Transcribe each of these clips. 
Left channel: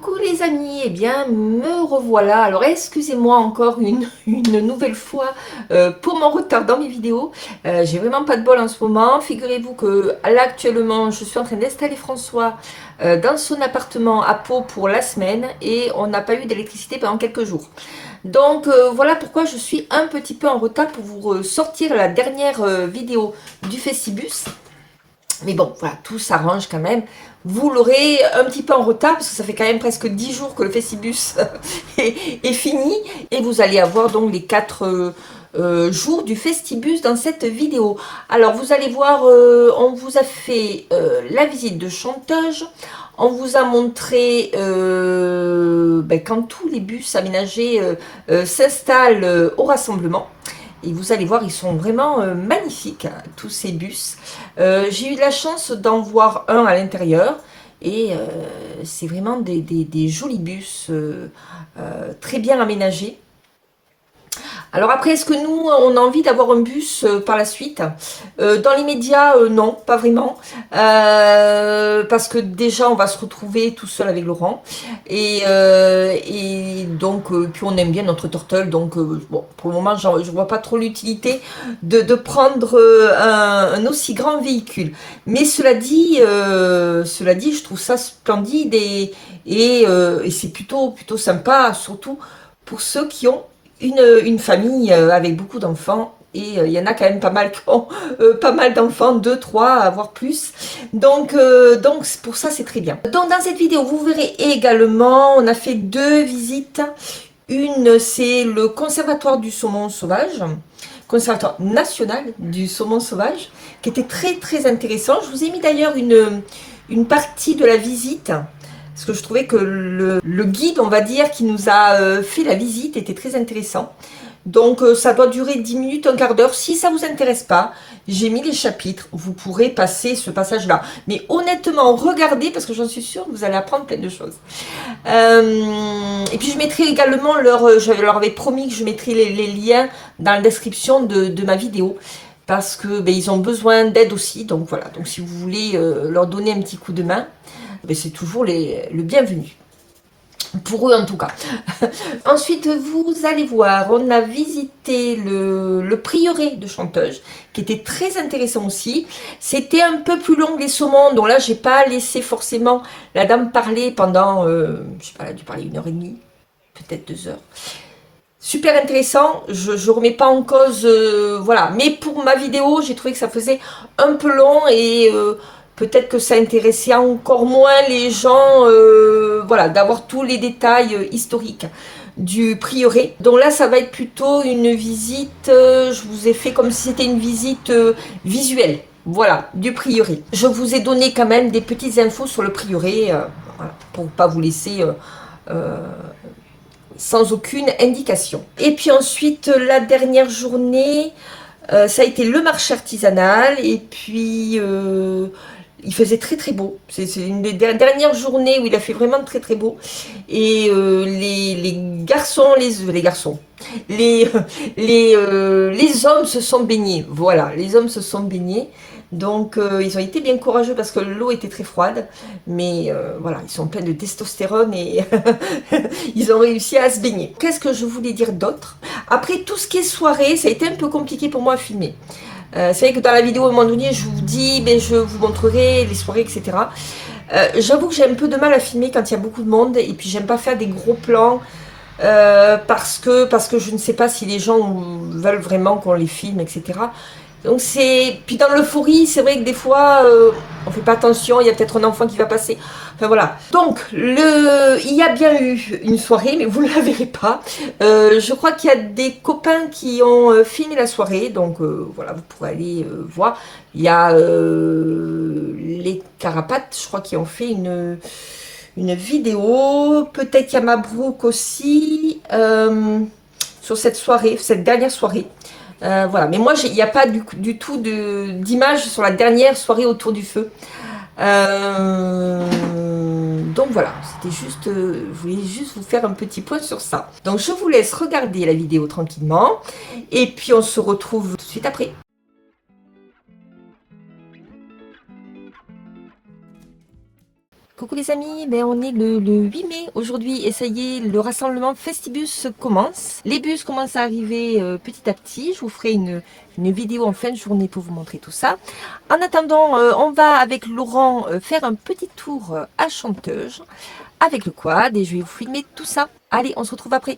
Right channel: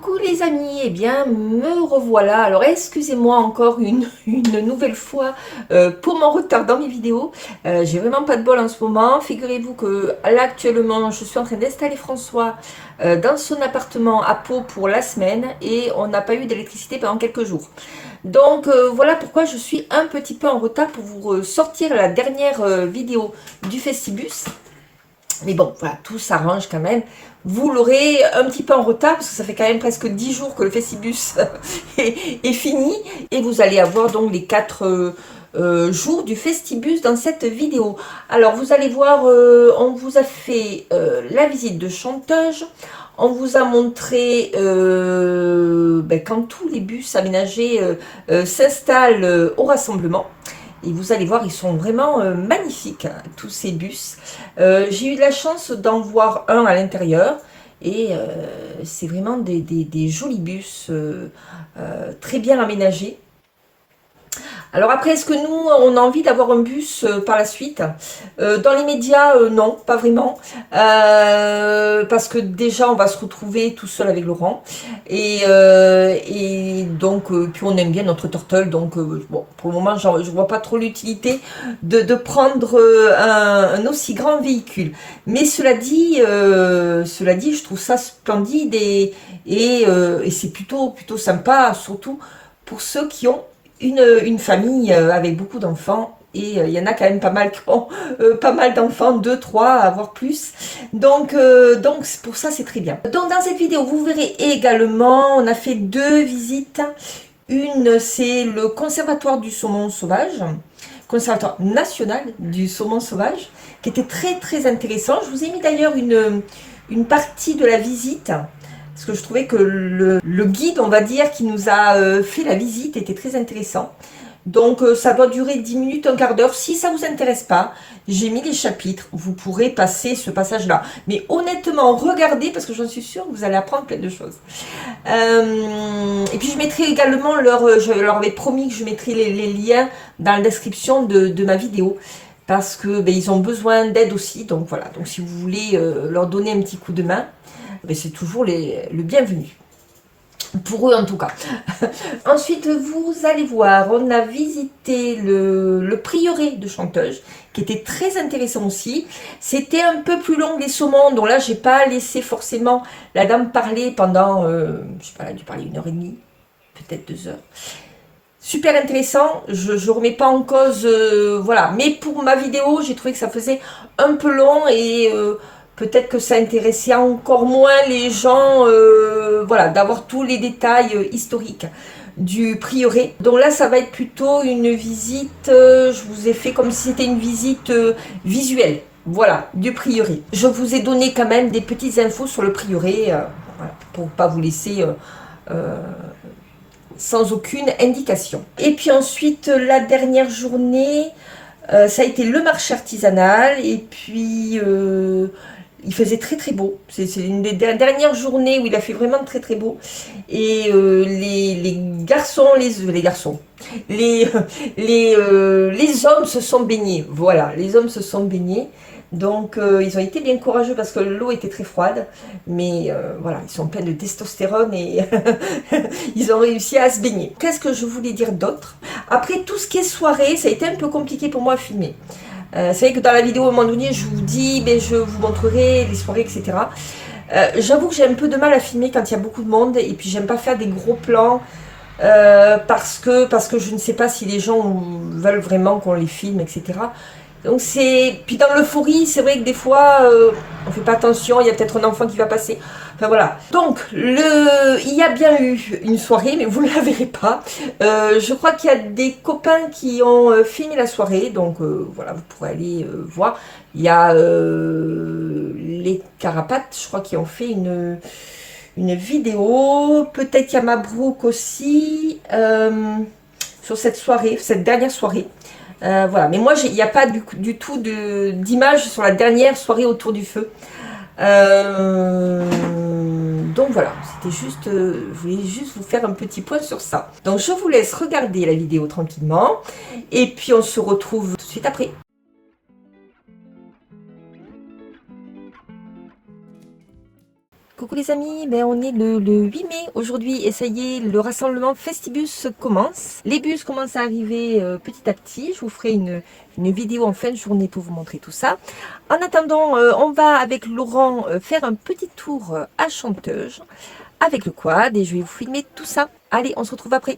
Coucou les amis, eh bien me revoilà. Alors excusez-moi encore une nouvelle fois pour mon retard dans mes vidéos. J'ai vraiment pas de bol en ce moment. Figurez-vous que là actuellement je suis en train d'installer François dans son appartement à Pau pour la semaine et on n'a pas eu d'électricité pendant quelques jours. Donc voilà pourquoi je suis un petit peu en retard pour vous sortir la dernière vidéo du Festibus. Mais bon, voilà, tout s'arrange quand même. Vous l'aurez un petit peu en retard, parce que ça fait quand même presque 10 jours que le Festibus est fini. Et vous allez avoir donc les 4 jours du Festibus dans cette vidéo. Alors, vous allez voir, on vous a fait la visite de Chanteuse. On vous a montré quand tous les bus aménagés s'installent au rassemblement. Et vous allez voir, ils sont vraiment magnifiques, hein, tous ces bus. J'ai eu de la chance d'en voir un à l'intérieur. Et c'est vraiment des jolis bus très bien aménagés. Alors après, est-ce que nous, on a envie d'avoir un bus par la suite? Dans les médias, non, pas vraiment. Parce que déjà, on va se retrouver tout seul avec Laurent. Et donc, puis on aime bien notre turtle. Donc, bon, pour le moment, je ne vois pas trop l'utilité de prendre un aussi grand véhicule. Mais cela dit, je trouve ça splendide et c'est plutôt sympa, surtout pour ceux qui ont une famille avec beaucoup d'enfants et il y en a quand même pas mal qui ont pas mal d'enfants, 2, 3, voire plus. Donc pour ça c'est très bien. Donc dans cette vidéo vous verrez également, on a fait 2 visites. Une c'est le conservatoire du saumon sauvage, conservatoire national du saumon sauvage, qui était très intéressant. Je vous ai mis d'ailleurs une partie de la visite parce que je trouvais que le guide, on va dire, qui nous a fait la visite était très intéressant. Donc ça doit durer 10 minutes, un quart d'heure. Si ça ne vous intéresse pas, j'ai mis les chapitres. Vous pourrez passer ce passage-là. Mais honnêtement, regardez, parce que j'en suis sûre que vous allez apprendre plein de choses. Et puis je mettrai également je leur avais promis que je mettrai les liens dans la description de ma vidéo. Parce que ils ont besoin d'aide aussi. Donc voilà, donc si vous voulez leur donner un petit coup de main, c'est toujours le bienvenu. Pour eux en tout cas. Ensuite, vous allez voir, on a visité le prieuré de Chanteuse, qui était très intéressant aussi. C'était un peu plus long que les saumons, donc là, j'ai pas laissé forcément la dame parler pendant, je sais pas, elle a dû parler 1h30, peut-être 2 heures. Super intéressant, je remets pas en cause, voilà. Mais pour ma vidéo, j'ai trouvé que ça faisait un peu long et peut-être que ça intéressait encore moins les gens, voilà, d'avoir tous les détails historiques du prieuré. Donc là, ça va être plutôt une visite, je vous ai fait comme si c'était une visite visuelle, voilà, du prieuré. Je vous ai donné quand même des petites infos sur le prieuré, voilà, pour ne pas vous laisser sans aucune indication. Et puis ensuite, la dernière journée, ça a été le marché artisanal. Et puis, il faisait très beau. C'est une des dernières journées où il a fait vraiment très beau. Et les garçons, les, les hommes se sont baignés. Voilà, les hommes se sont baignés. Donc ils ont été bien courageux parce que l'eau était très froide, mais voilà, ils sont pleins de testostérone et ils ont réussi à se baigner. Qu'est-ce que je voulais dire d'autre? Après tout ce qui est soirée, ça a été un peu compliqué pour moi à filmer. C'est vrai que dans la vidéo à un moment donné, je vous dis, mais je vous montrerai les soirées, etc. J'avoue que j'ai un peu de mal à filmer quand il y a beaucoup de monde et puis j'aime pas faire des gros plans parce que je ne sais pas si les gens veulent vraiment qu'on les filme, etc. Donc c'est. Puis dans l'euphorie, c'est vrai que des fois, on fait pas attention, il y a peut-être un enfant qui va passer. Enfin voilà. Donc, il y a bien eu une soirée, mais vous ne la verrez pas. Je crois qu'il y a des copains qui ont filmé la soirée, donc voilà, vous pouvez aller voir. Il y a les Carapates, je crois, qui ont fait une vidéo. Peut-être qu'il y a Mabrouk aussi sur cette soirée, cette dernière soirée. Voilà, mais moi il n'y a pas du tout d'image sur la dernière soirée autour du feu. Donc voilà, c'était juste, je voulais juste vous faire un petit point sur ça. Donc je vous laisse regarder la vidéo tranquillement et puis on se retrouve tout de suite après. Coucou les amis, on est le 8 mai aujourd'hui et ça y est, le rassemblement Festibus commence. Les bus commencent à arriver petit à petit. Je vous ferai une vidéo en fin de journée pour vous montrer tout ça. En attendant, on va avec Laurent faire un petit tour à Chanteuse avec le quad et je vais vous filmer tout ça. Allez, on se retrouve après.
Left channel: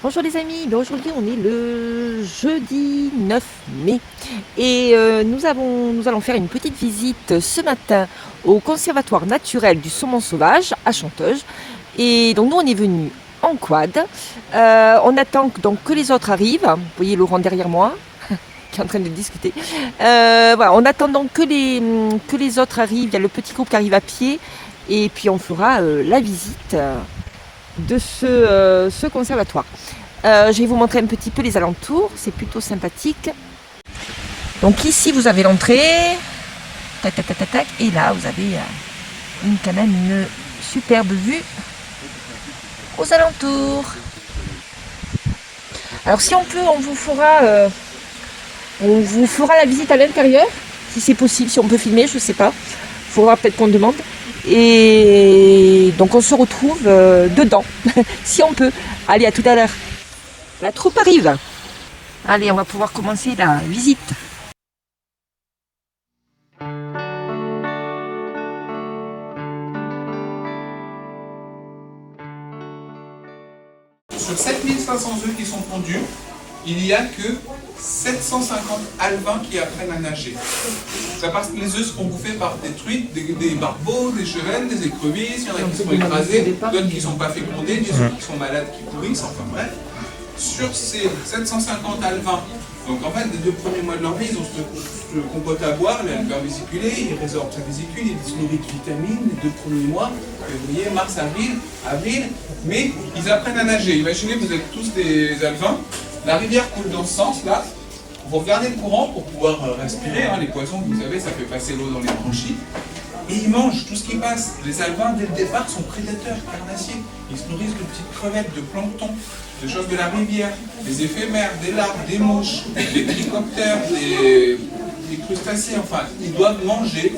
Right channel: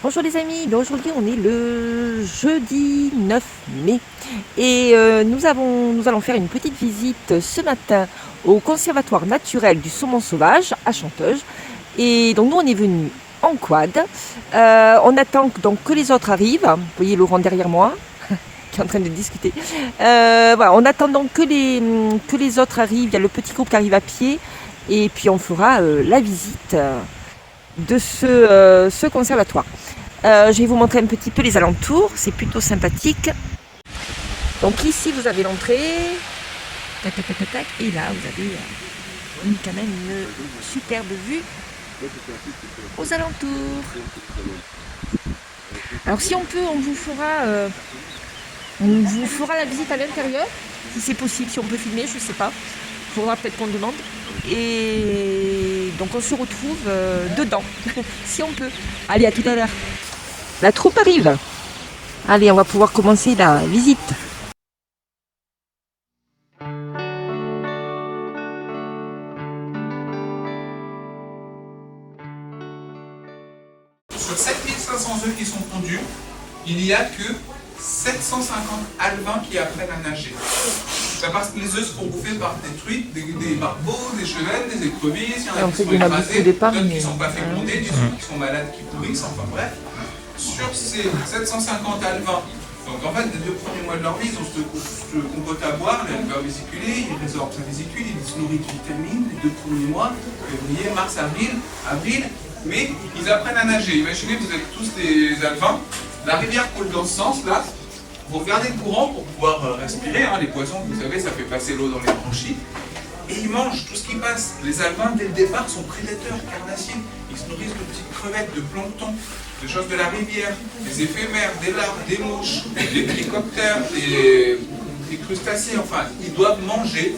Bonjour les amis, aujourd'hui on est le jeudi 9 mai et nous allons faire une petite visite ce matin au conservatoire naturel du saumon sauvage à Chanteuse. Et donc nous on est venu en quad, on attend donc que les autres arrivent, vous voyez Laurent derrière moi qui est en train de discuter, voilà, on attend donc que les autres arrivent, il y a le petit groupe qui arrive à pied et puis on fera la visite de ce conservatoire. Je vais vous montrer un petit peu les alentours, c'est plutôt sympathique. Donc ici vous avez l'entrée, tac, tac, tac, tac, tac, et là vous avez quand même une superbe vue aux alentours. Alors si on peut, on vous fera la visite à l'intérieur, si c'est possible, si on peut filmer, je sais pas. Il faudra peut-être qu'on demande. Et donc on se retrouve dedans, si on peut. Allez, à tout à l'heure. La troupe arrive. Allez, on va pouvoir commencer la visite. Sur 7500 œufs qui sont pondus, il n'y a que 750 alevins qui apprennent à nager. C'est parce que les œufs sont bouffés par des truites, des barbeaux, des chevelles, des écrevisses, il y en a qui sont écrasés, d'autres qui ne sont pas fécondés, des autres qui sont malades, qui pourrissent, enfin bref. Sur ces 750 alevins, donc en fait, les 2 premiers mois de leur vie, ils ont ce compote à boire, les alvéoles vésiculés, ils résorbent sa vésicule, ils se nourrissent de vitamines les 2 premiers mois, février, mars, avril, mais ils apprennent à nager. Imaginez, vous êtes tous des alevins, la rivière coule dans ce sens-là, vous regardez le courant pour pouvoir respirer, hein, les poissons, vous savez, ça fait passer l'eau dans les branchies, et ils mangent tout ce qui passe. Les alevins, dès le départ, sont prédateurs, carnassiers, ils se nourrissent de petites crevettes, de plancton, de choses de la rivière, des éphémères, des larves, des mouches, des trichoptères, des crustacés, enfin, ils doivent manger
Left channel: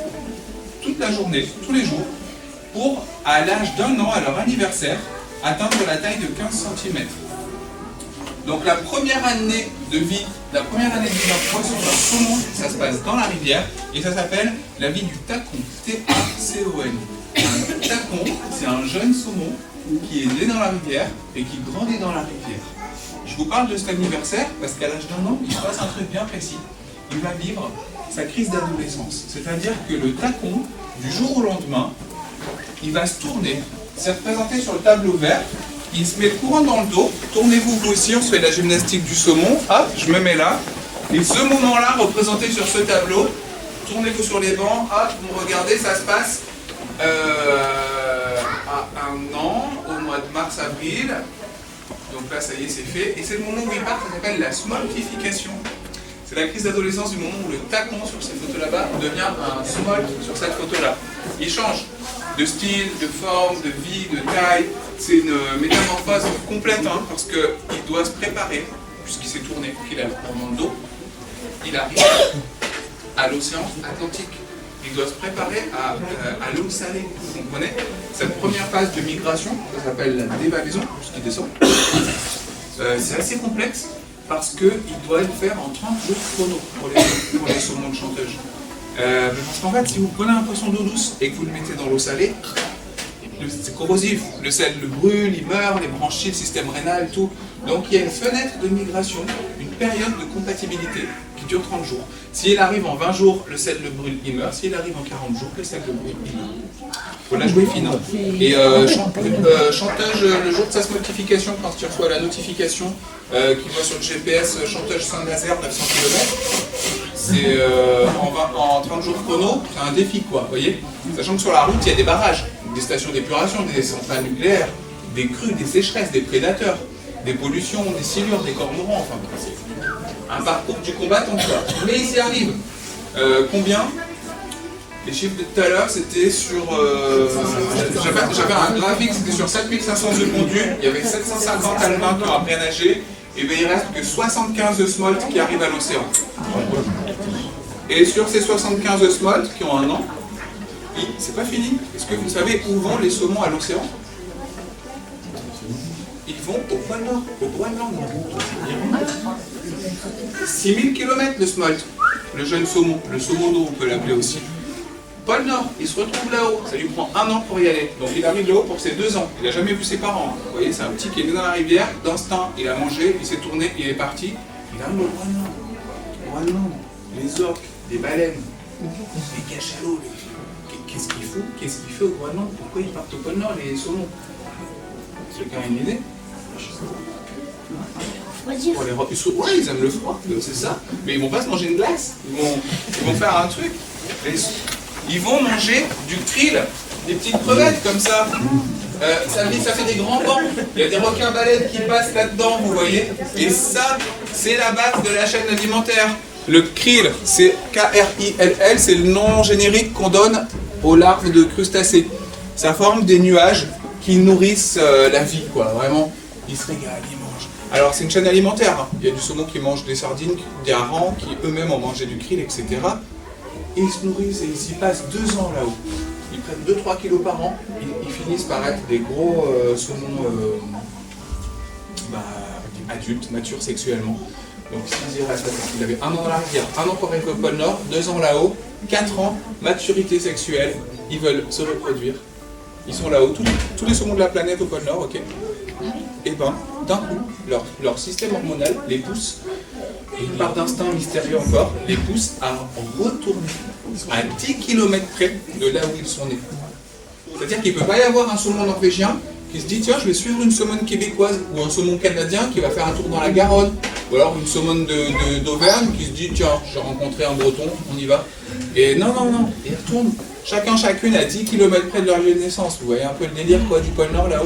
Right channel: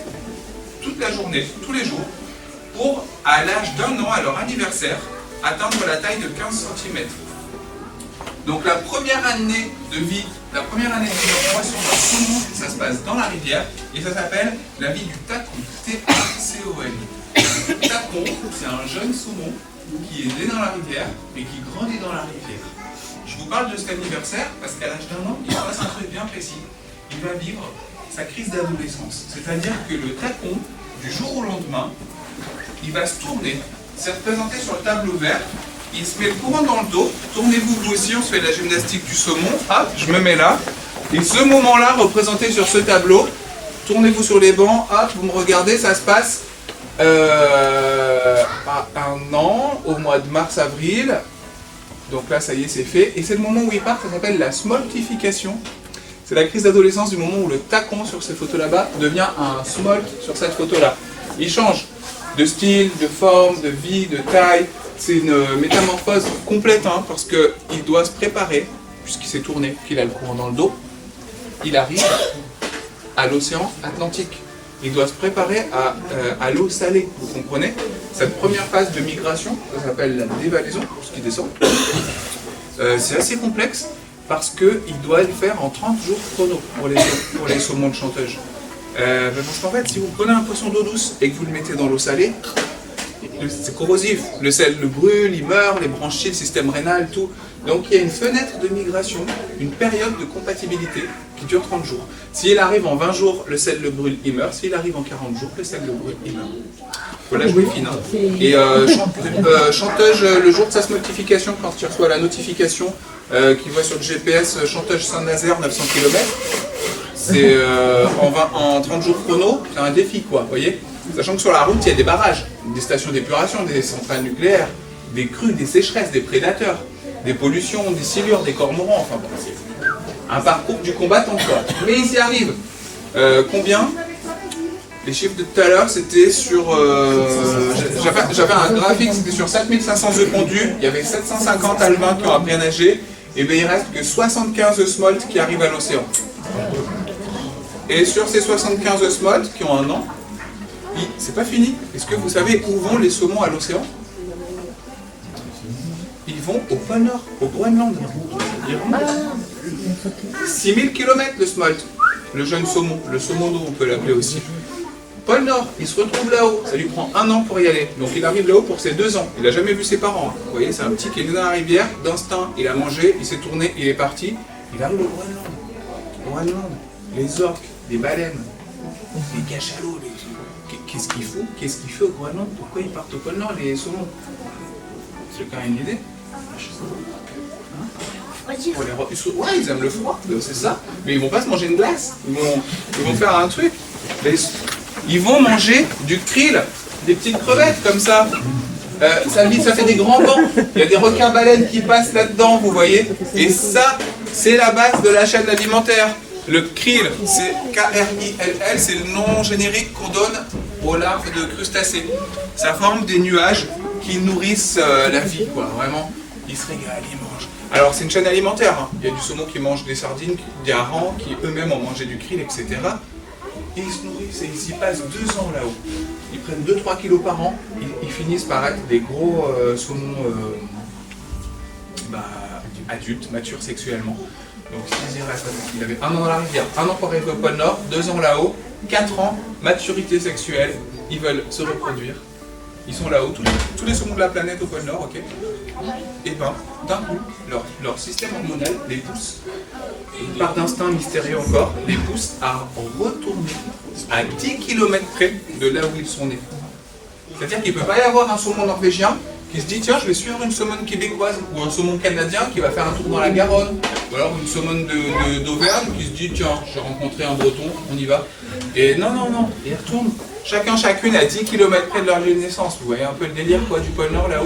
toute la journée, tous les jours, pour, à l'âge d'1 an, à leur anniversaire, atteindre la taille de 15 cm. Donc la première année de vie d'un poisson, d'un saumon, ça se passe dans la rivière, et ça s'appelle la vie du tacon, T-A-C-O-N. Un tacon, c'est un jeune saumon qui est né dans la rivière et qui grandit dans la rivière. Je vous parle de cet anniversaire parce qu'à l'âge d'1 an, il se passe un truc bien précis. Il va vivre sa crise d'adolescence. C'est-à-dire que le tacon, du jour au lendemain, il va se tourner. C'est représenté sur le tableau vert. Il se met le courant dans le dos. Tournez-vous vous aussi, on se fait la gymnastique du saumon. Hop, je me mets là. Et ce moment-là, représenté sur ce tableau, tournez-vous sur les bancs. Hop, vous me regardez, ça se passe à 1 an, au mois de mars-avril. Donc là, ça y est, c'est fait. Et c'est le moment où il part, ça s'appelle la smoltification. C'est la crise d'adolescence du moment où le tacon sur ces photos là-bas devient un smolt sur cette photo-là. Il change de style, de forme, de vie, de taille. C'est une métamorphose complète, hein, parce qu'il doit se préparer, puisqu'il s'est tourné, qu'il a le courant dans le dos. Il arrive à l'océan Atlantique. Il doit se préparer à l'eau salée, vous comprenez? Cette première phase de migration, ça s'appelle la dévalaison, pour ce qui descend. C'est assez complexe, parce qu'il doit le faire en 30 jours chrono pour les saumons de chanteuse. Parce qu'en fait, si vous prenez un poisson d'eau douce et que vous le mettez dans l'eau salée, c'est corrosif. Le sel le brûle, il meurt, les branchies, le système rénal, tout. Donc il y a une fenêtre de migration, une période de compatibilité qui dure 30 jours. S'il arrive en 20 jours, le sel le brûle, il meurt. S'il arrive en 40 jours, le sel le brûle, il meurt. Faut la jouer fine. Hein. Et chanteuse, le jour de sa smoltification, quand il reçoit la notification qu'il voit sur le GPS, chanteuse Saint-Nazaire, 900 km, c'est en 30 jours chrono, c'est un défi, quoi, vous voyez. Sachant que sur la route, il y a des barrages, des stations d'épuration, des centrales nucléaires, des crues, des sécheresses, des prédateurs, des pollutions, des silures, des cormorans, enfin bon, c'est un parcours du combattant, quoi. Mais ils y arrivent. Combien? Les chiffres de tout à l'heure, c'était sur... J'avais un graphique, c'était sur 7500 œufs pondus, il y avait 750 alevins qui ont appris à nager, et bien il reste que 75 œufs smolt qui arrivent à l'océan. Et sur ces 75 œufs smolt qui ont 1 an, c'est pas fini. Est-ce que vous savez où vont les saumons à l'océan? Ils vont au pôle Nord, au Groenland. 6000 km le smolt, le jeune saumon, le saumon d'eau on peut l'appeler aussi. Pôle Nord, il se retrouve là-haut, ça lui prend 1 an pour y aller. Donc il arrive là-haut pour ses 2 ans, il n'a jamais vu ses parents. Hein. Vous voyez, c'est un petit qui est né dans la rivière, d'instinct, il a mangé, il s'est tourné, il est parti. Il arrive au Groenland. Au Groenland, les orques, les baleines, les cachalots, qu'est-ce qu'il faut? Qu'est-ce qu'il fait au Groenland? Pourquoi ils partent au pôle Nord, les saumons? Quelqu'un a une idée? Ouais, ils aiment le froid, c'est ça. Mais ils vont pas se manger une glace. Ils vont faire un truc. Ils vont manger du krill, des petites crevettes comme ça. Ça fait des grands bancs. Il y a des requins-baleines qui passent là-dedans, vous voyez. Et ça, c'est la base de la chaîne alimentaire. Le krill, c'est K-R-I-L-L, c'est le nom générique qu'on donne aux larves de crustacés. Ça forme des nuages qui nourrissent la vie, quoi. Vraiment, ils se régalent, ils mangent. Alors c'est une chaîne alimentaire, hein. Il y a du saumon qui mange des sardines, des harengs qui eux-mêmes ont mangé du krill, etc. Et ils se nourrissent et ils y passent 2 ans là-haut. Ils prennent 2-3 kilos par an, ils finissent par être des gros saumons adultes, matures sexuellement. Donc s'ils y restent, il avait 1 an dans la rivière, 1 an pour arriver au pôle Nord, 2 ans là-haut, 4 ans, maturité sexuelle, ils veulent se reproduire. Ils sont là-haut, tous les saumons de la planète au pôle Nord, ok. Et ben, d'un coup, leur système hormonal les pousse, et par d'instinct mystérieux encore, les pousse à retourner à 10 km près de là où ils sont nés. C'est-à-dire qu'il ne peut pas y avoir un saumon norvégien qui se dit tiens, je vais suivre une saumone québécoise ou un saumon canadien qui va faire un tour dans la Garonne, ou alors une saumone d'Auvergne qui se dit tiens, j'ai rencontré un breton, on y va. Et non, ils retournent chacune à 10 km près de leur lieu de naissance. Vous voyez un peu le délire quoi, du pôle Nord là-haut.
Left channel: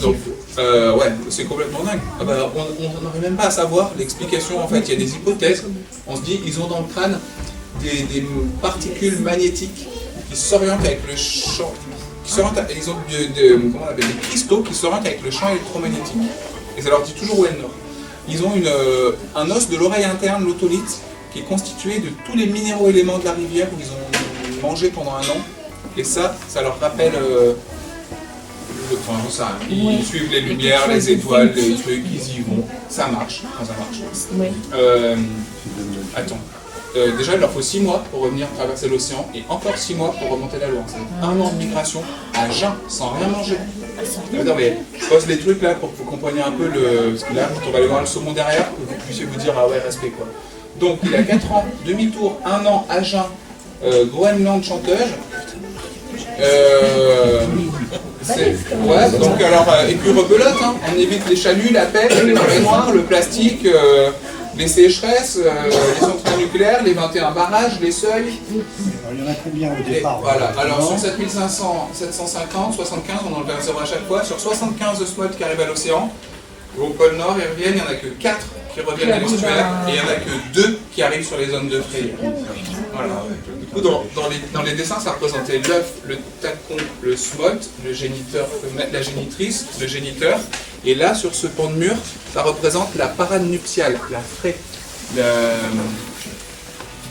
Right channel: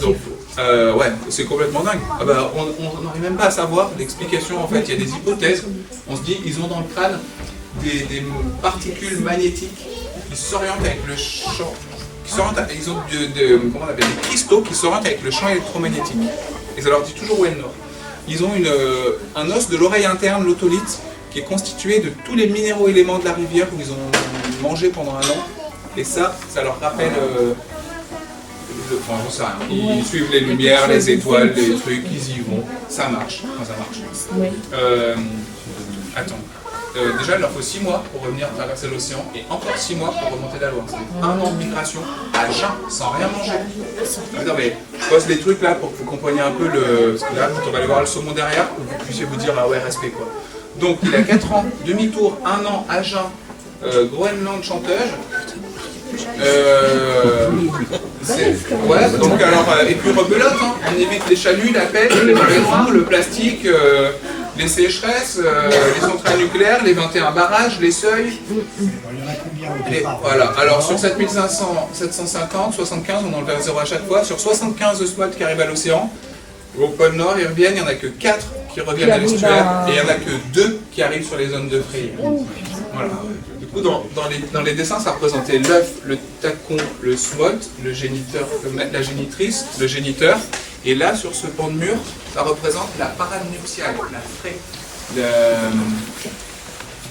Donc, ouais, c'est complètement dingue. Ah bah, on n'arrive même pas à savoir l'explication. En fait, il y a des hypothèses. On se dit, ils ont dans le crâne des particules magnétiques qui s'orientent avec le champ. Ils ont comment on appelle, des cristaux qui s'orientent avec le champ électromagnétique. Et ça leur dit toujours où est le nord. Ils ont un os de l'oreille interne, l'otolite, qui est constitué de tous les minéraux éléments de la rivière où ils ont mangé pendant un an. Et ça leur rappelle. Enfin, j'en sais rien. Ils suivent les lumières, les étoiles, les trucs, ils y vont. Ça marche. Enfin, ça marche. Ouais. Attends. Déjà, il leur faut 6 mois pour revenir traverser l'océan et encore 6 mois pour remonter la Loire. C'est 1 an de migration à jeun, sans rien manger. Non, mais je pose les trucs là pour que vous compreniez un peu le. Parce que là, quand on va aller voir le saumon derrière, que vous puissiez vous dire ah ouais, respect quoi. Donc, il a 4 ans, demi-tour, 1 an à jeun, Groenland chanteuse. Ouais, donc alors, et puis rebelote, hein. On évite les chaluts, la pêche, les marées noires, le plastique, les sécheresses, les centrales nucléaires, les 21 barrages, les seuils. Voilà, alors sur 7500, 750, 75, on enlève 0 à chaque fois. Sur 75 osmotes qui arrivent à l'océan, au pôle Nord, ils reviennent, il n'y en a que 4 qui reviennent à l'estuaire, et il n'y en a que 2 qui arrivent sur les zones de fraye. Voilà. Du coup, dans les dessins, ça représentait l'œuf, le tacon, le smolt, le géniteur, la génitrice, le géniteur. Et là, sur ce pan de mur, ça représente la parade nuptiale, la fraie,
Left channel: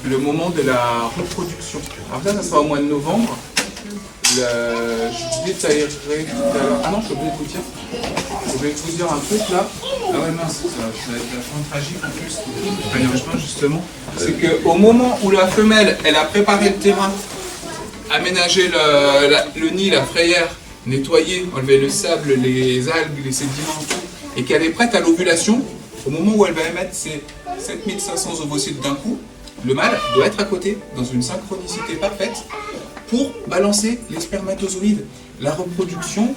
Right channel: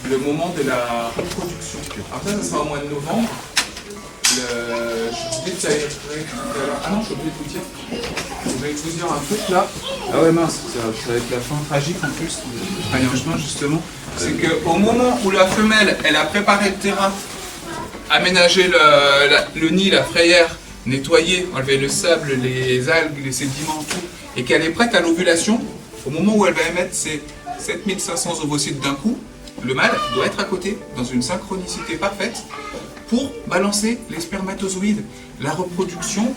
le moment de la reproduction. Alors ça sera au mois de novembre. Je dis ça irait tout à l'heure. Ah non, je suis obligé de vous dire. Je vais vous dire un truc là. Ah ouais mince, ça va être la fin tragique en fait. Justement, c'est qu'au moment où la femelle, elle a préparé le terrain, aménagé le nid, la frayère, nettoyé, enlevé le sable, les algues, les sédiments, tout, et qu'elle est prête à l'ovulation, au moment où elle va émettre ses 7500 ovocytes d'un coup, le mâle doit être à côté, dans une synchronicité parfaite, pour balancer les spermatozoïdes. La reproduction,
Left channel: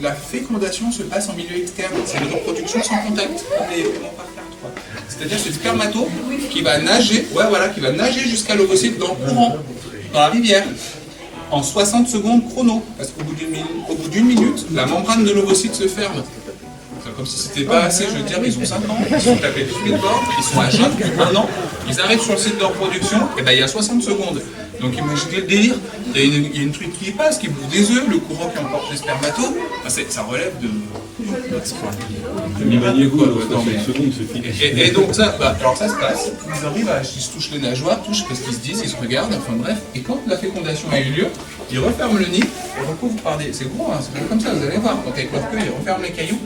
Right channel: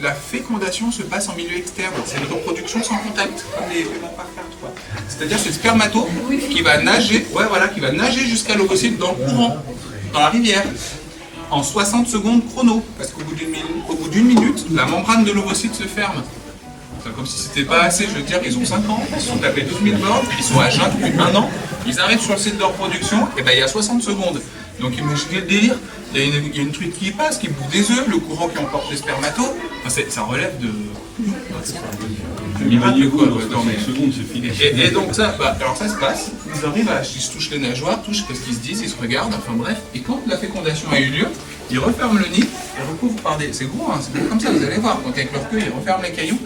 la fécondation se passe en milieu externe. C'est une reproduction sans contact, comme les éléments par carte. C'est-à-dire c'est le spermato qui va nager, qui va nager jusqu'à l'ovocyte dans le courant, dans la rivière, en 60 secondes chrono. Parce qu'au bout d'une minute, la membrane de l'ovocyte se ferme. Comme si c'était pas assez, je veux dire qu'ils ont 5 ans, ils se sont tapés 12 000 bornes, ils sont à jeun depuis 1 an, ils arrivent sur le site de reproduction, et ben il y a 60 secondes. Donc imaginez le délire, il y a une truc qui passe, qui bout des œufs, le courant qui emporte les spermatos, enfin, ça relève de miracle quoi. Et donc ça, alors ça se passe, ils arrivent ils se touchent les nageoires, touchent parce qu'ils se disent, ils se regardent, enfin bref, et quand la fécondation a eu lieu, ils referment le nid, et recouvrent par c'est gros comme ça, vous allez voir, donc avec leur queue, ils referment les cailloux.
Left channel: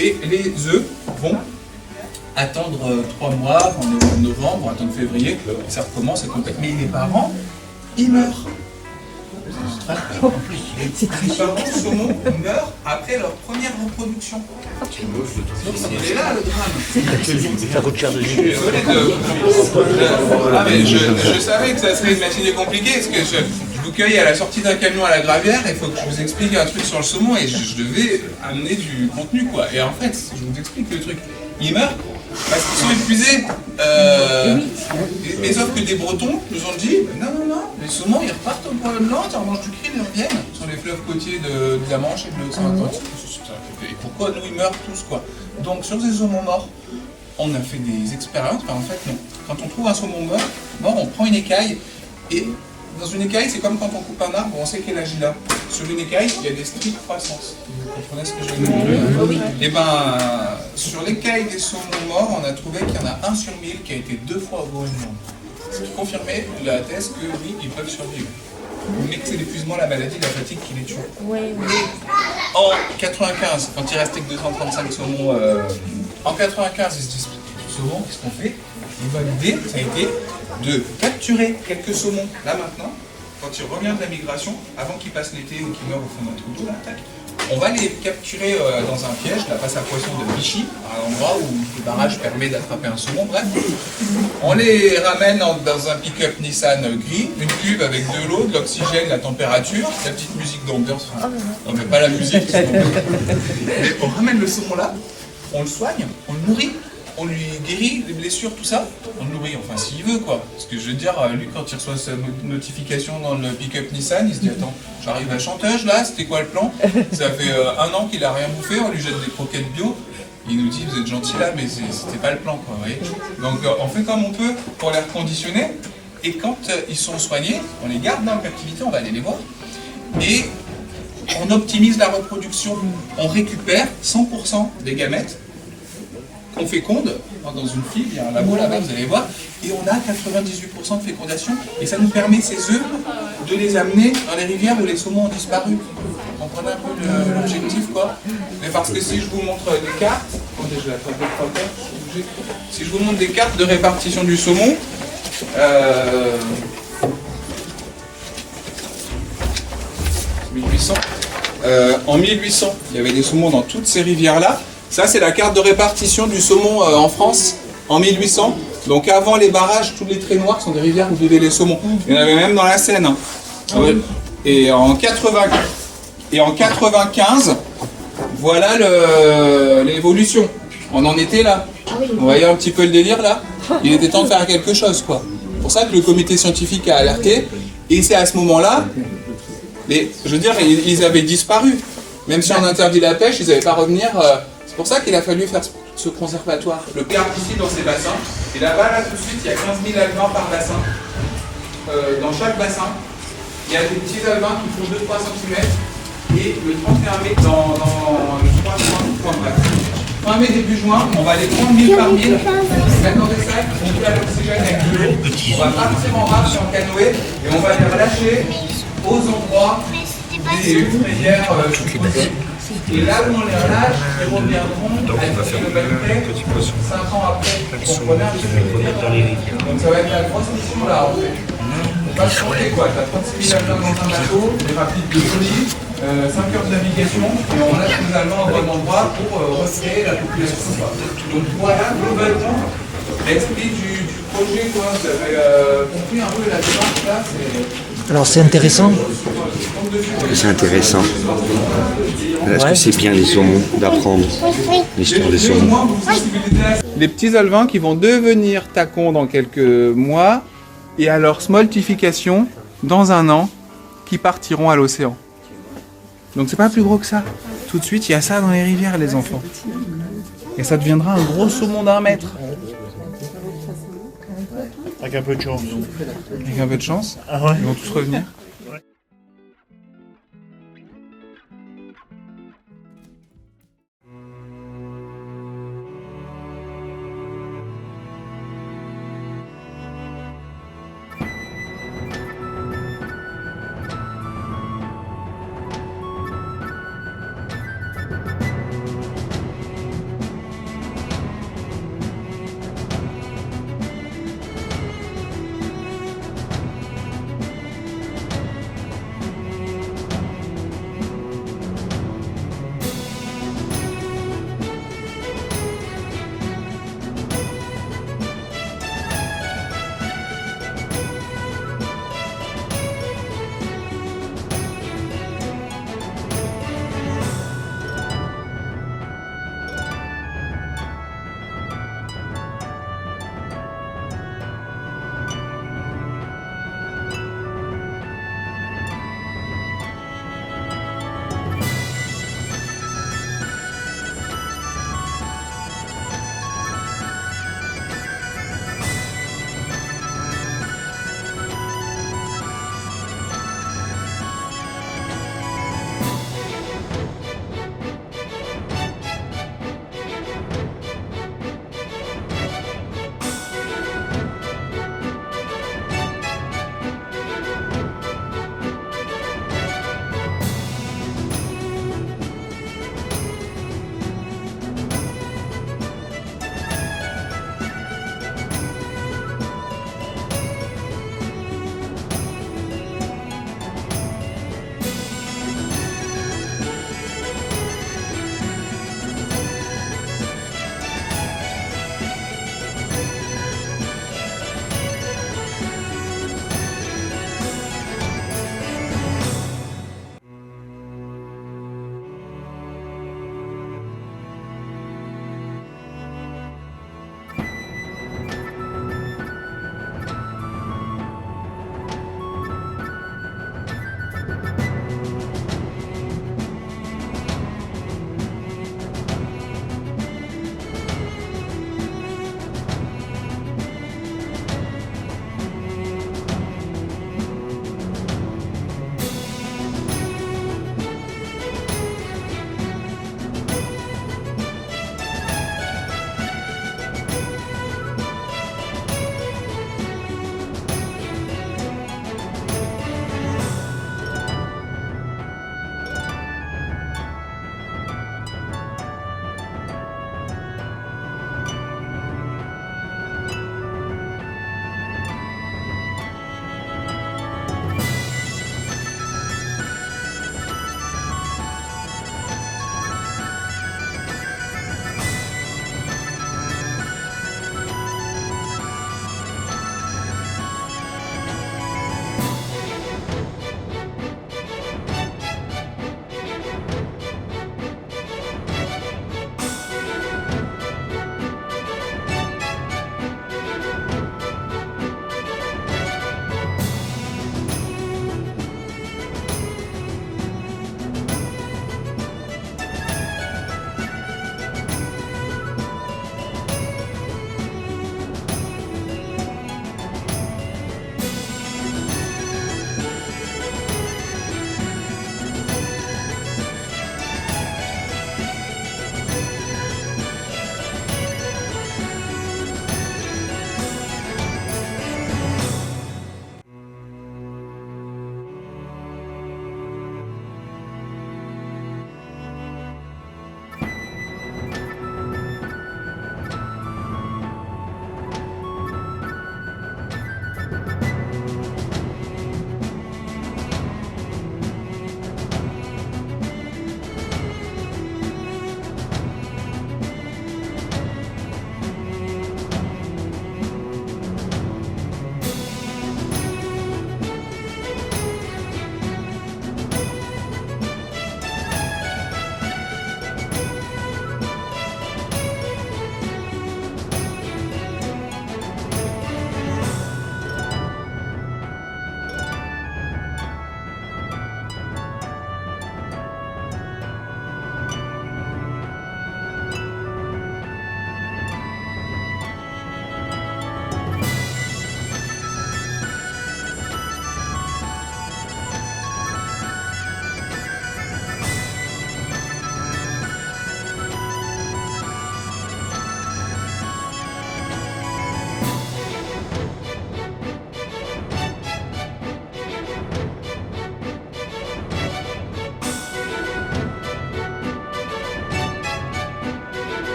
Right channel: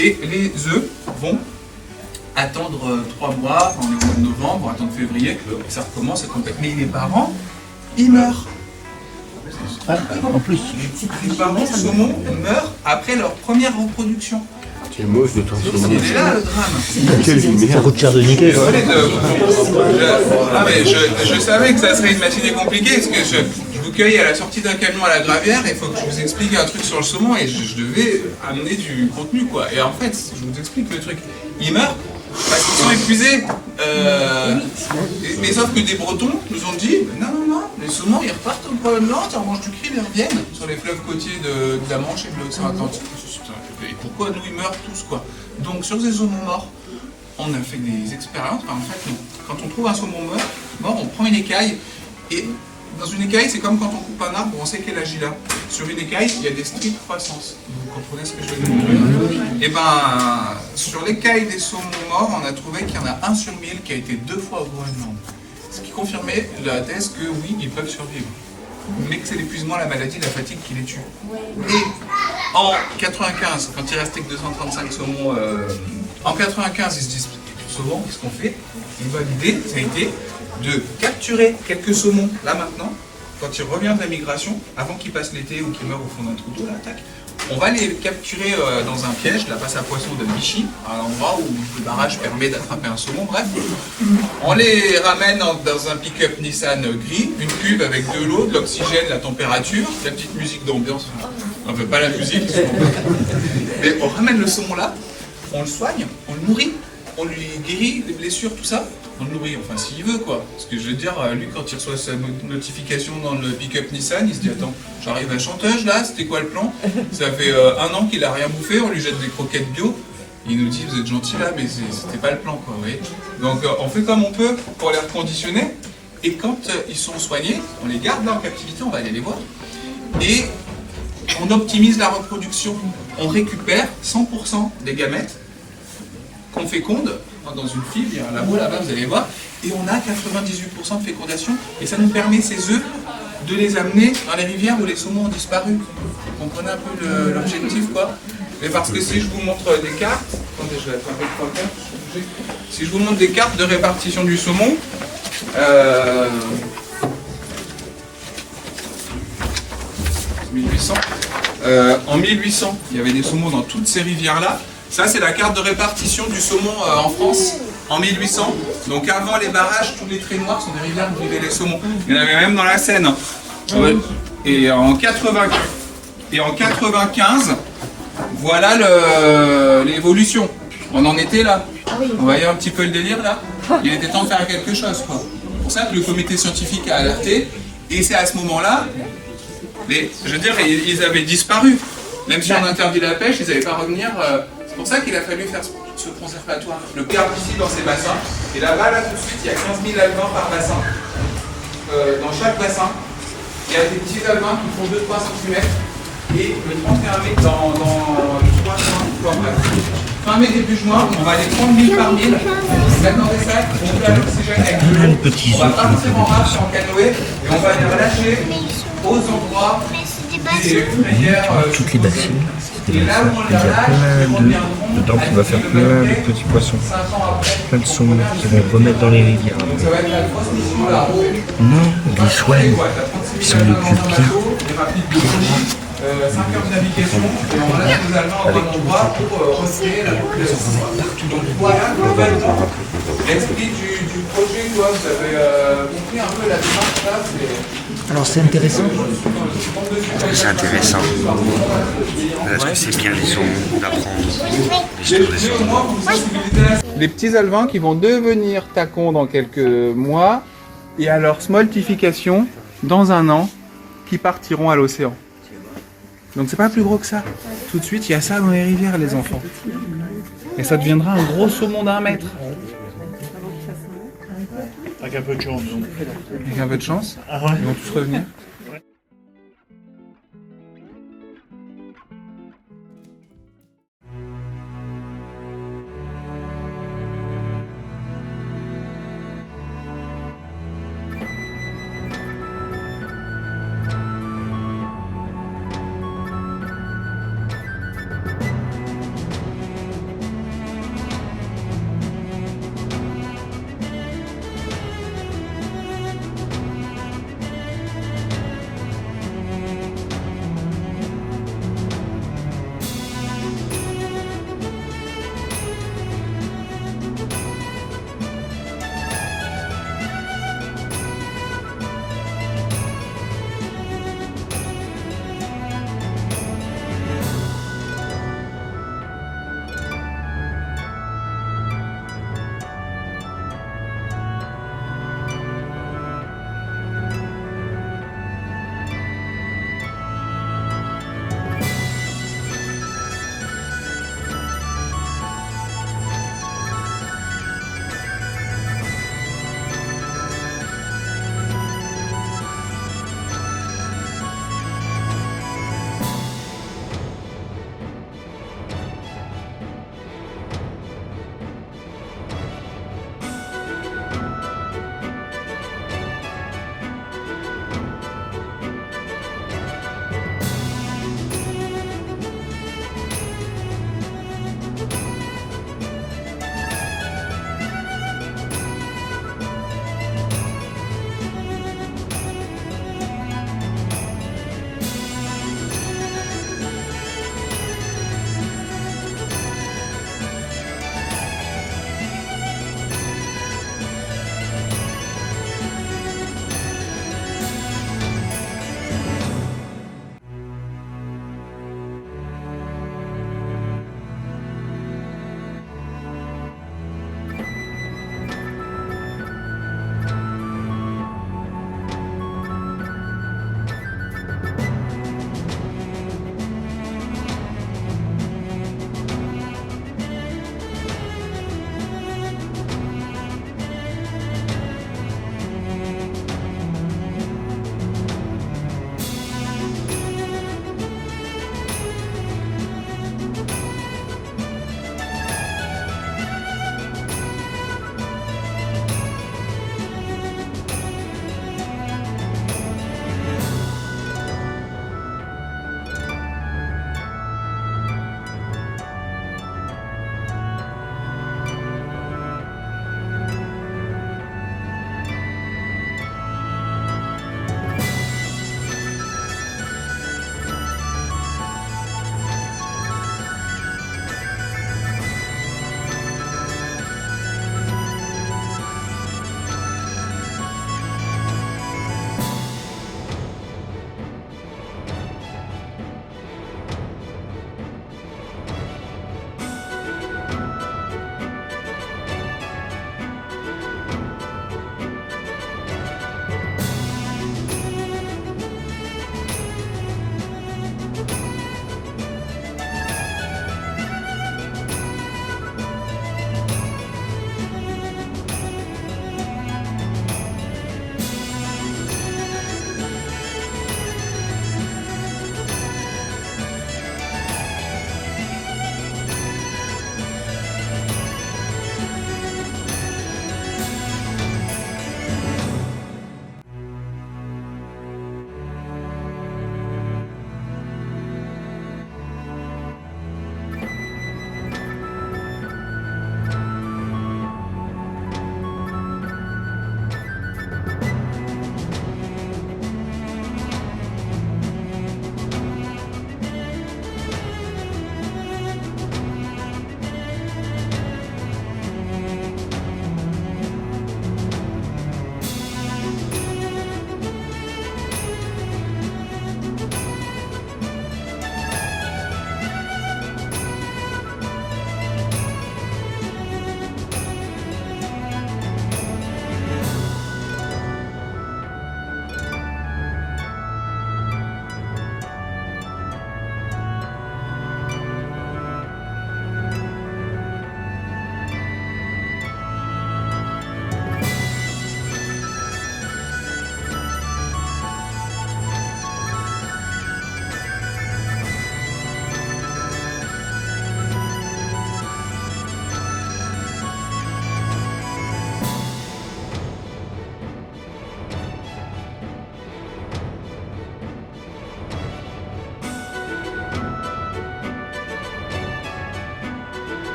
Et les œufs vont attendre 3 mois, on est au mois de novembre, attendre février, et ça recommence à complètement. Mais les parents, ils meurent. En plus, Les parents saumons meurent après leur première reproduction. c'est moche de transformer. Il est là le drame. Ça coûte cher de niquer. Je savais que ça serait une matinée compliquée parce que je vous cueille à la sortie d'un camion à la Gravière et il faut que je vous explique un truc sur le saumon et je devais amener du contenu quoi. Et en fait, je vous explique le truc. Ils meurent parce qu'ils sont épuisés. Mais sauf que des Bretons nous ont dit non, les saumons ils repartent au Groenland, ils remangent du krill et reviennent sur les fleuves côtiers de la Manche et de l'océan Atlantique. Et pourquoi nous ils meurent tous quoi? Donc sur ces saumons morts, on a fait des expériences. En fait, quand on trouve un saumon mort, on prend une écaille et dans une écaille c'est comme quand on coupe un arbre, on sait quel âge il a. sur une écaille, il y a des stries de croissance. Vous comprenez ce que je veux dire? Et ben, sur l'écaille des saumons morts, on a trouvé qu'il y en a 1 sur 1000 qui a été 2 fois au Groenland. Ce qui confirmait la thèse que oui, ils peuvent survivre. Mais que c'est l'épuisement, la maladie, la fatigue qui les tue. Et en 95, quand il restait que 235 saumons, en 95, ils se disent, saumons, qu'est-ce qu'on fait? Et ben, l'idée, ça a été de capturer quelques saumons, là maintenant, quand il revient de la migration, avant qu'il passe l'été ou qu'il meure au fond d'un trou d'eau, là, tac, on va les capturer dans un piège, la passe à poisson de Vichy, à l'endroit où le barrage permet d'attraper un saumon, bref. On les ramène dans un pick-up Nissan gris, une cuve avec de l'eau, de l'oxygène, la température, la petite musique d'ambiance, non mais pas la musique, mais on ramène le saumon là, on le soigne, on le nourrit, on lui guérit les blessures, tout ça, on le nourrit, enfin s'il veut quoi. Parce que je veux dire, lui quand il reçoit sa notification dans le pick-up Nissan, il se dit attends, j'arrive à Chanteuse là, c'était quoi le plan? Ça fait 1 an qu'il a rien bouffé, on lui jette des croquettes bio. Il nous dit vous êtes gentil là, mais c'était pas le plan quoi, vous voyez. Donc on fait comme on peut pour les reconditionner. Et quand ils sont soignés, on les garde là en captivité, on va aller les voir. Et on optimise la reproduction. On récupère 100% des gamètes qu'on féconde dans une fibre, il y a un labo là-bas, vous allez voir, et on a 98% de fécondation, et ça nous permet ces œufs de les amener dans les rivières où les saumons ont disparu. Vous comprenez un peu l'objectif quoi? Mais parce que si je vous montre des cartes, attendez, je vais attraper le papier. Si je vous montre des cartes de répartition du saumon, 1800. En 1800, il y avait des saumons dans toutes ces rivières-là. Ça, c'est la carte de répartition du saumon en France en 1800. Donc avant les barrages, tous les traits noirs sont des rivières où vivaient les saumons. Il y en avait même dans la Seine. Hein. Ouais. Et en 95, voilà l'évolution. On en était là. Vous voyez un petit peu le délire là? Il était temps de faire quelque chose quoi. C'est pour ça que le comité scientifique a alerté. Et c'est à ce moment-là, je veux dire, ils avaient disparu. Même si on interdit la pêche, ils n'avaient pas revenir. C'est pour ça qu'il a fallu faire ce conservatoire. Le perdre ici dans ces bassins. Et là-bas, là tout de suite, il y a 15 000 alevins par bassin. Dans chaque bassin, il y a des petits alevins qui font 2-3 cm. Et le 31 mai, dans le 3 fin mai, début juin, on va aller 30 000 par 1000. On va dans les sacs, on fait l'oxygène avec de l'eau. On va partir en raft en canoë et on va les relâcher aux endroits des rivières. Et là où on les relâche, ils reviendront. Donc on va faire plein de petits poissons, plein de saumons qui vont remettre dans les rivières. Donc ça va être la grosse mission là. Non, des soins, ils s'en occupent bien. 5 heures de navigation et on laisse les Allemands à bon endroit pour retirer la population. Donc voilà globalement l'esprit du projet. Quoi. Vous avez compris un peu la démarche là. Alors c'est intéressant. C'est intéressant. Parce que c'est bien les saumons, d'apprendre l'histoire des saumons. Les petits alevins qui vont devenir tacons dans quelques mois et à leur smoltification dans 1 an qui partiront à l'océan. Donc c'est pas plus gros que ça. Tout de suite, il y a ça dans les rivières, les enfants. Et ça deviendra un gros saumon d'1 mètre. Avec un peu de chance. Avec un peu de chance, ils vont tous revenir.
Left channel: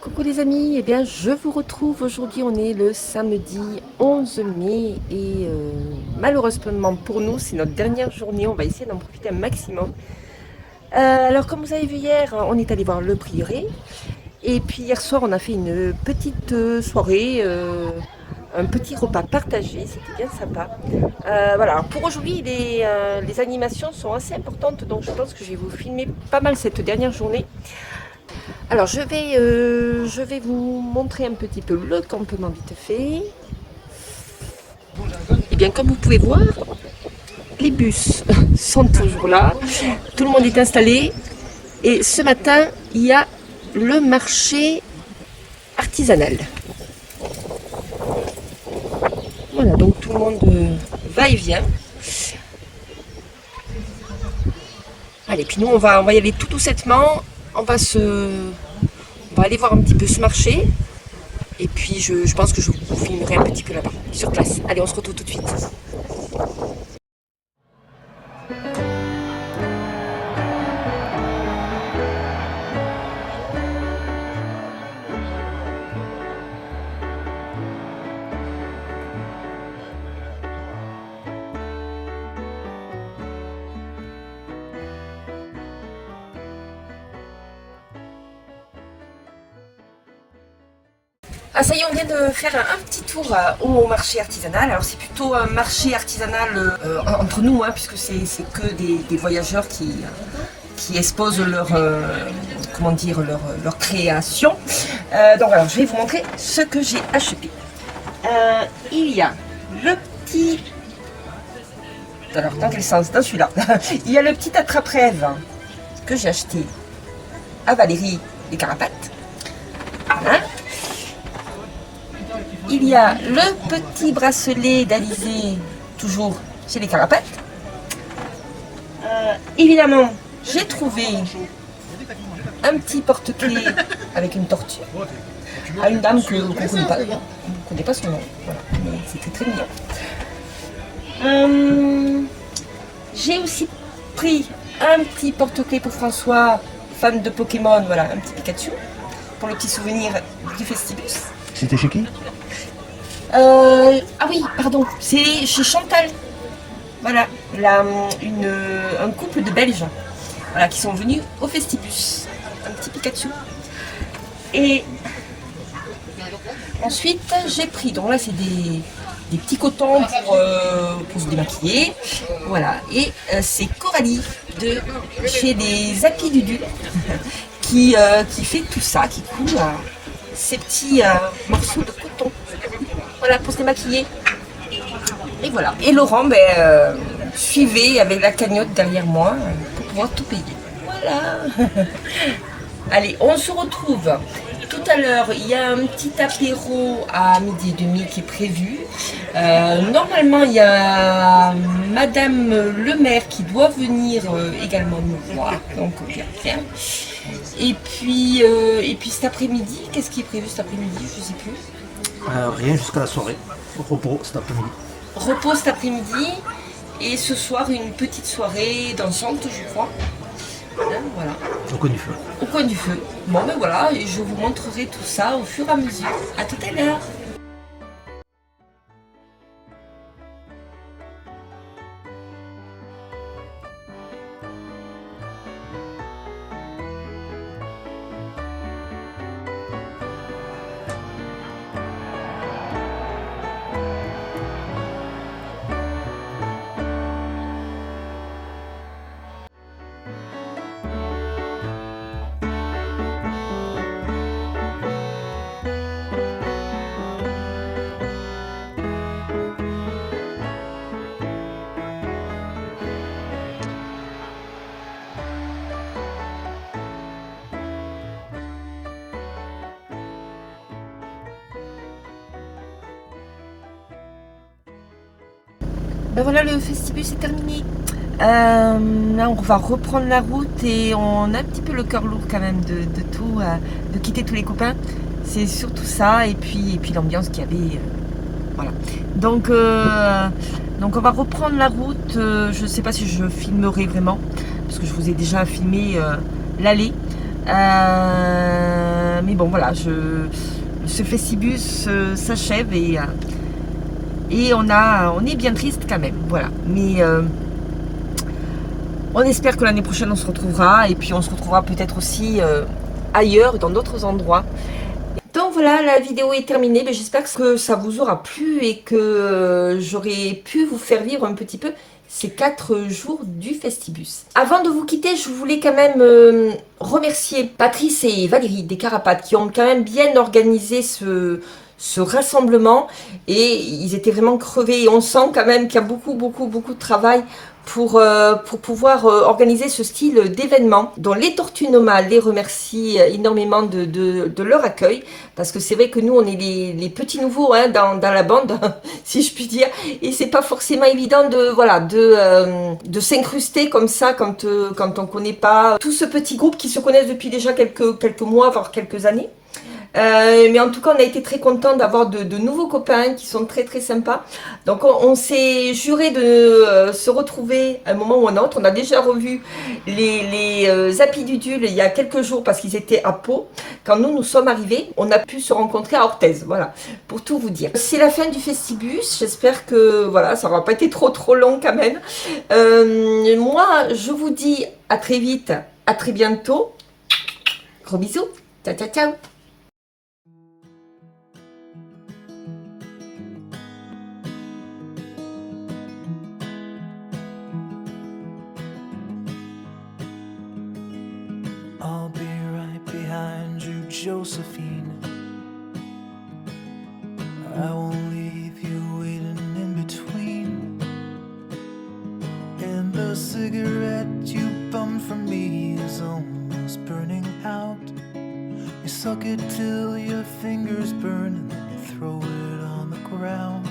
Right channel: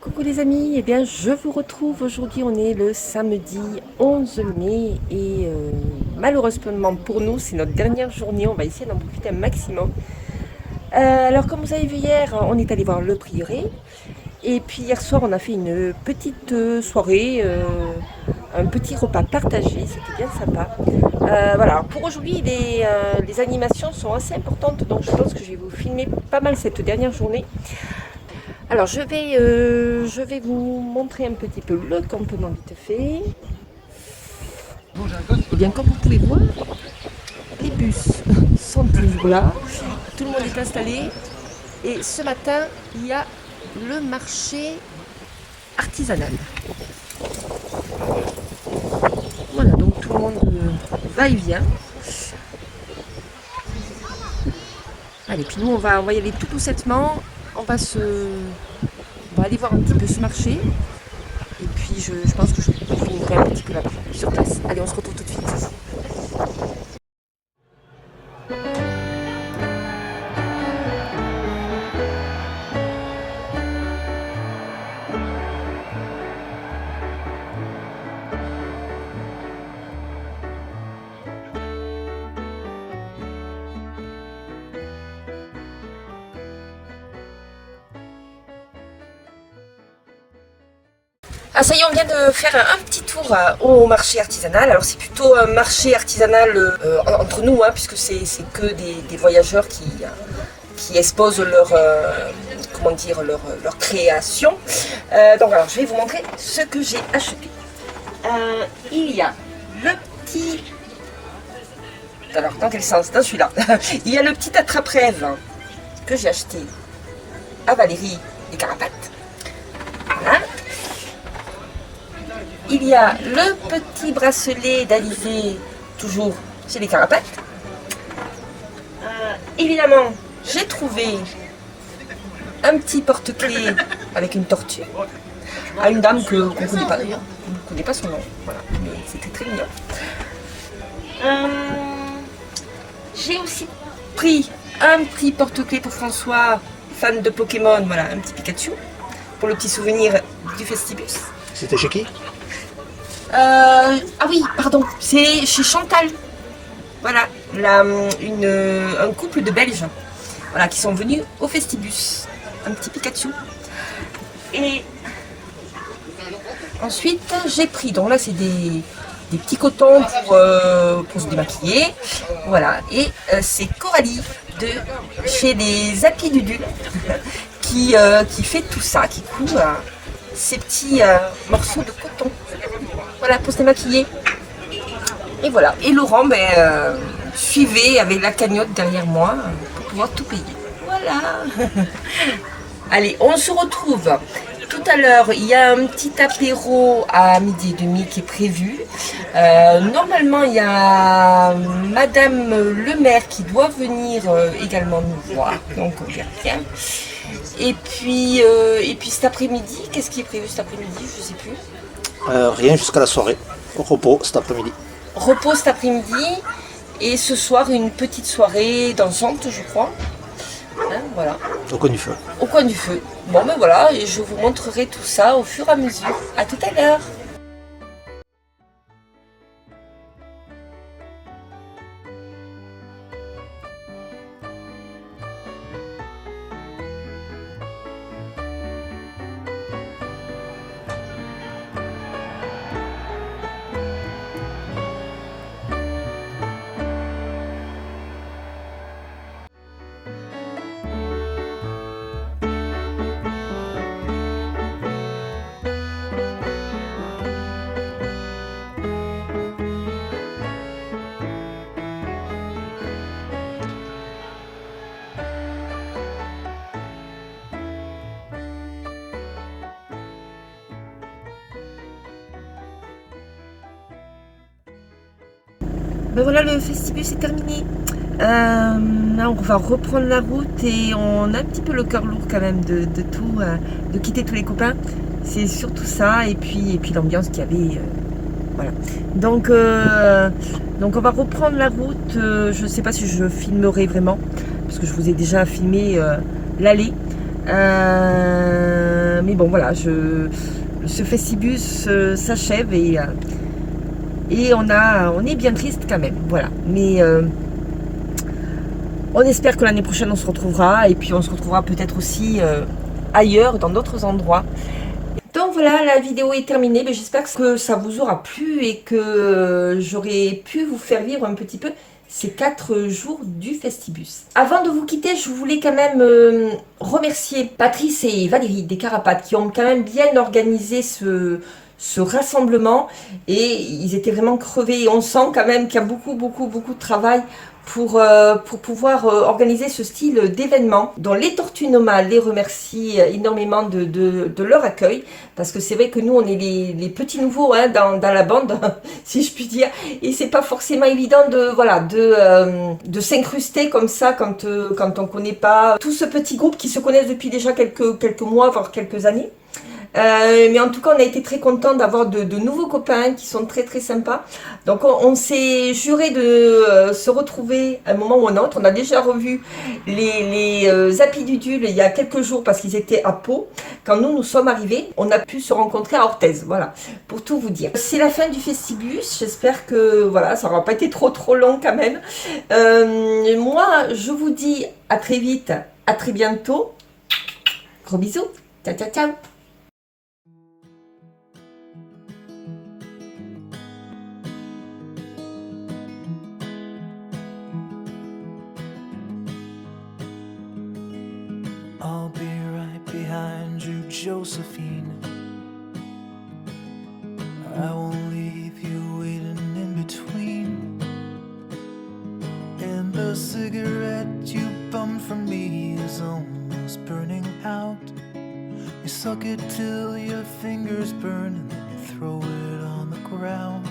Coucou les amis, eh bien je vous retrouve aujourd'hui, on est le samedi 11 mai et malheureusement pour nous c'est notre dernière journée, on va essayer d'en profiter un maximum. Alors comme vous avez vu hier, on est allé voir le prieuré et puis hier soir on a fait une petite soirée, un petit repas partagé, c'était bien sympa. Voilà, pour aujourd'hui les animations sont assez importantes donc je pense que je vais vous filmer pas mal cette dernière journée. Alors je vais vous montrer un petit peu le campement vite fait. Et bien comme vous pouvez voir, les bus sont toujours là, tout le monde est installé et ce matin il y a le marché artisanal. Voilà, donc tout le monde va et vient. Allez, puis nous on va y aller tout doucettement. On va aller voir un petit peu ce marché et puis je pense que je vous filmerai un petit peu là-bas, sur place. Allez, on se retrouve tout de suite. Ah ça y est, on vient de faire un petit tour au marché artisanal. Alors c'est plutôt un marché artisanal entre nous, hein, puisque c'est que des voyageurs qui exposent leur création. Donc voilà, je vais vous montrer ce que j'ai acheté. Il y a le petit... Alors dans quel sens? Dans celui-là. Il y a le petit attrape-rêve que j'ai acheté à Valérie et Carapates. Voilà. Il y a le petit bracelet d'Alizé, toujours chez les Carapates. Évidemment, j'ai trouvé un petit porte-clés avec une tortue à une dame qu'on ne connaît pas d'ailleurs. On ne connaît pas son nom. Voilà, mais c'était très mignon. J'ai aussi pris un petit porte-clés pour François, fan de Pokémon, voilà, un petit Pikachu, pour le petit souvenir du Festibus. C'était chez qui? Ah oui, pardon, c'est chez Chantal. Voilà, un couple de Belges, voilà, qui sont venus au Festibus. Un petit Pikachu. Et ensuite, j'ai pris, donc là c'est des petits cotons pour se démaquiller. Voilà, et c'est Coralie de chez les Happy Dudu qui fait tout ça, qui coud ces petits morceaux de coton. Voilà, pour se démaquiller. Et voilà. Et Laurent, suivait avec la cagnotte derrière moi pour pouvoir tout payer. Voilà. Allez, on se retrouve tout à l'heure. Il y a un petit apéro à 12h30 qui est prévu. Normalement, il y a Madame le maire qui doit venir également nous voir. Donc, on verra bien. Et puis cet après-midi, qu'est-ce qui est prévu cet après-midi? Je ne sais plus. Rien jusqu'à la soirée. Repos cet après-midi. Repos cet après-midi. Et ce soir, une petite soirée dansante, je crois. Hein, voilà. Au coin du feu. Au coin du feu. Bon, ben voilà, et je vous montrerai tout ça au fur et à mesure. À tout à l'heure. Ben voilà, le Festibus est terminé. Là, on va reprendre la route et on a un petit peu le cœur lourd quand même de quitter tous les copains. C'est surtout ça et puis l'ambiance qu'il y avait. Voilà. Donc on va reprendre la route. Je ne sais pas si je filmerai vraiment parce que je vous ai déjà filmé l'aller. mais bon, voilà, ce Festibus s'achève et on est bien triste quand même. Voilà. Mais on espère que l'année prochaine, on se retrouvera. Et puis, on se retrouvera peut-être aussi ailleurs, dans d'autres endroits. Donc voilà, la vidéo est terminée. J'espère que ça vous aura plu et que j'aurai pu vous faire vivre un petit peu ces 4 jours du Festibus. Avant de vous quitter, je voulais quand même remercier Patrice et Valérie des Carapates qui ont quand même bien organisé ce rassemblement et ils étaient vraiment crevés. On sent quand même qu'il y a beaucoup de travail pour pouvoir organiser ce style d'événement. Dont les Tortues Nomades les remercie énormément de leur accueil, parce que c'est vrai que nous on est les petits nouveaux hein, dans la bande, si je puis dire, et c'est pas forcément évident de s'incruster comme ça quand on connaît pas tout ce petit groupe qui se connaissent depuis déjà quelques mois, voire quelques années. Mais en tout cas, on a été très contents d'avoir de nouveaux copains qui sont très sympas. Donc, on s'est juré de se retrouver à un moment ou un autre. On a déjà revu les Happy-Dudules il y a quelques jours parce qu'ils étaient à Pau. Quand nous sommes arrivés, on a pu se rencontrer à Orthez. Voilà, pour tout vous dire. C'est la fin du Festibus. J'espère que voilà, ça n'aura pas été trop long quand même. Moi, je vous dis à très vite, à très bientôt. Gros bisous. Ciao, ciao, ciao. I'll be right behind you, Josephine. I won't leave you waiting in between. And the cigarette you bummed from me is almost burning out. You suck it till your fingers burn and then you throw it on the ground.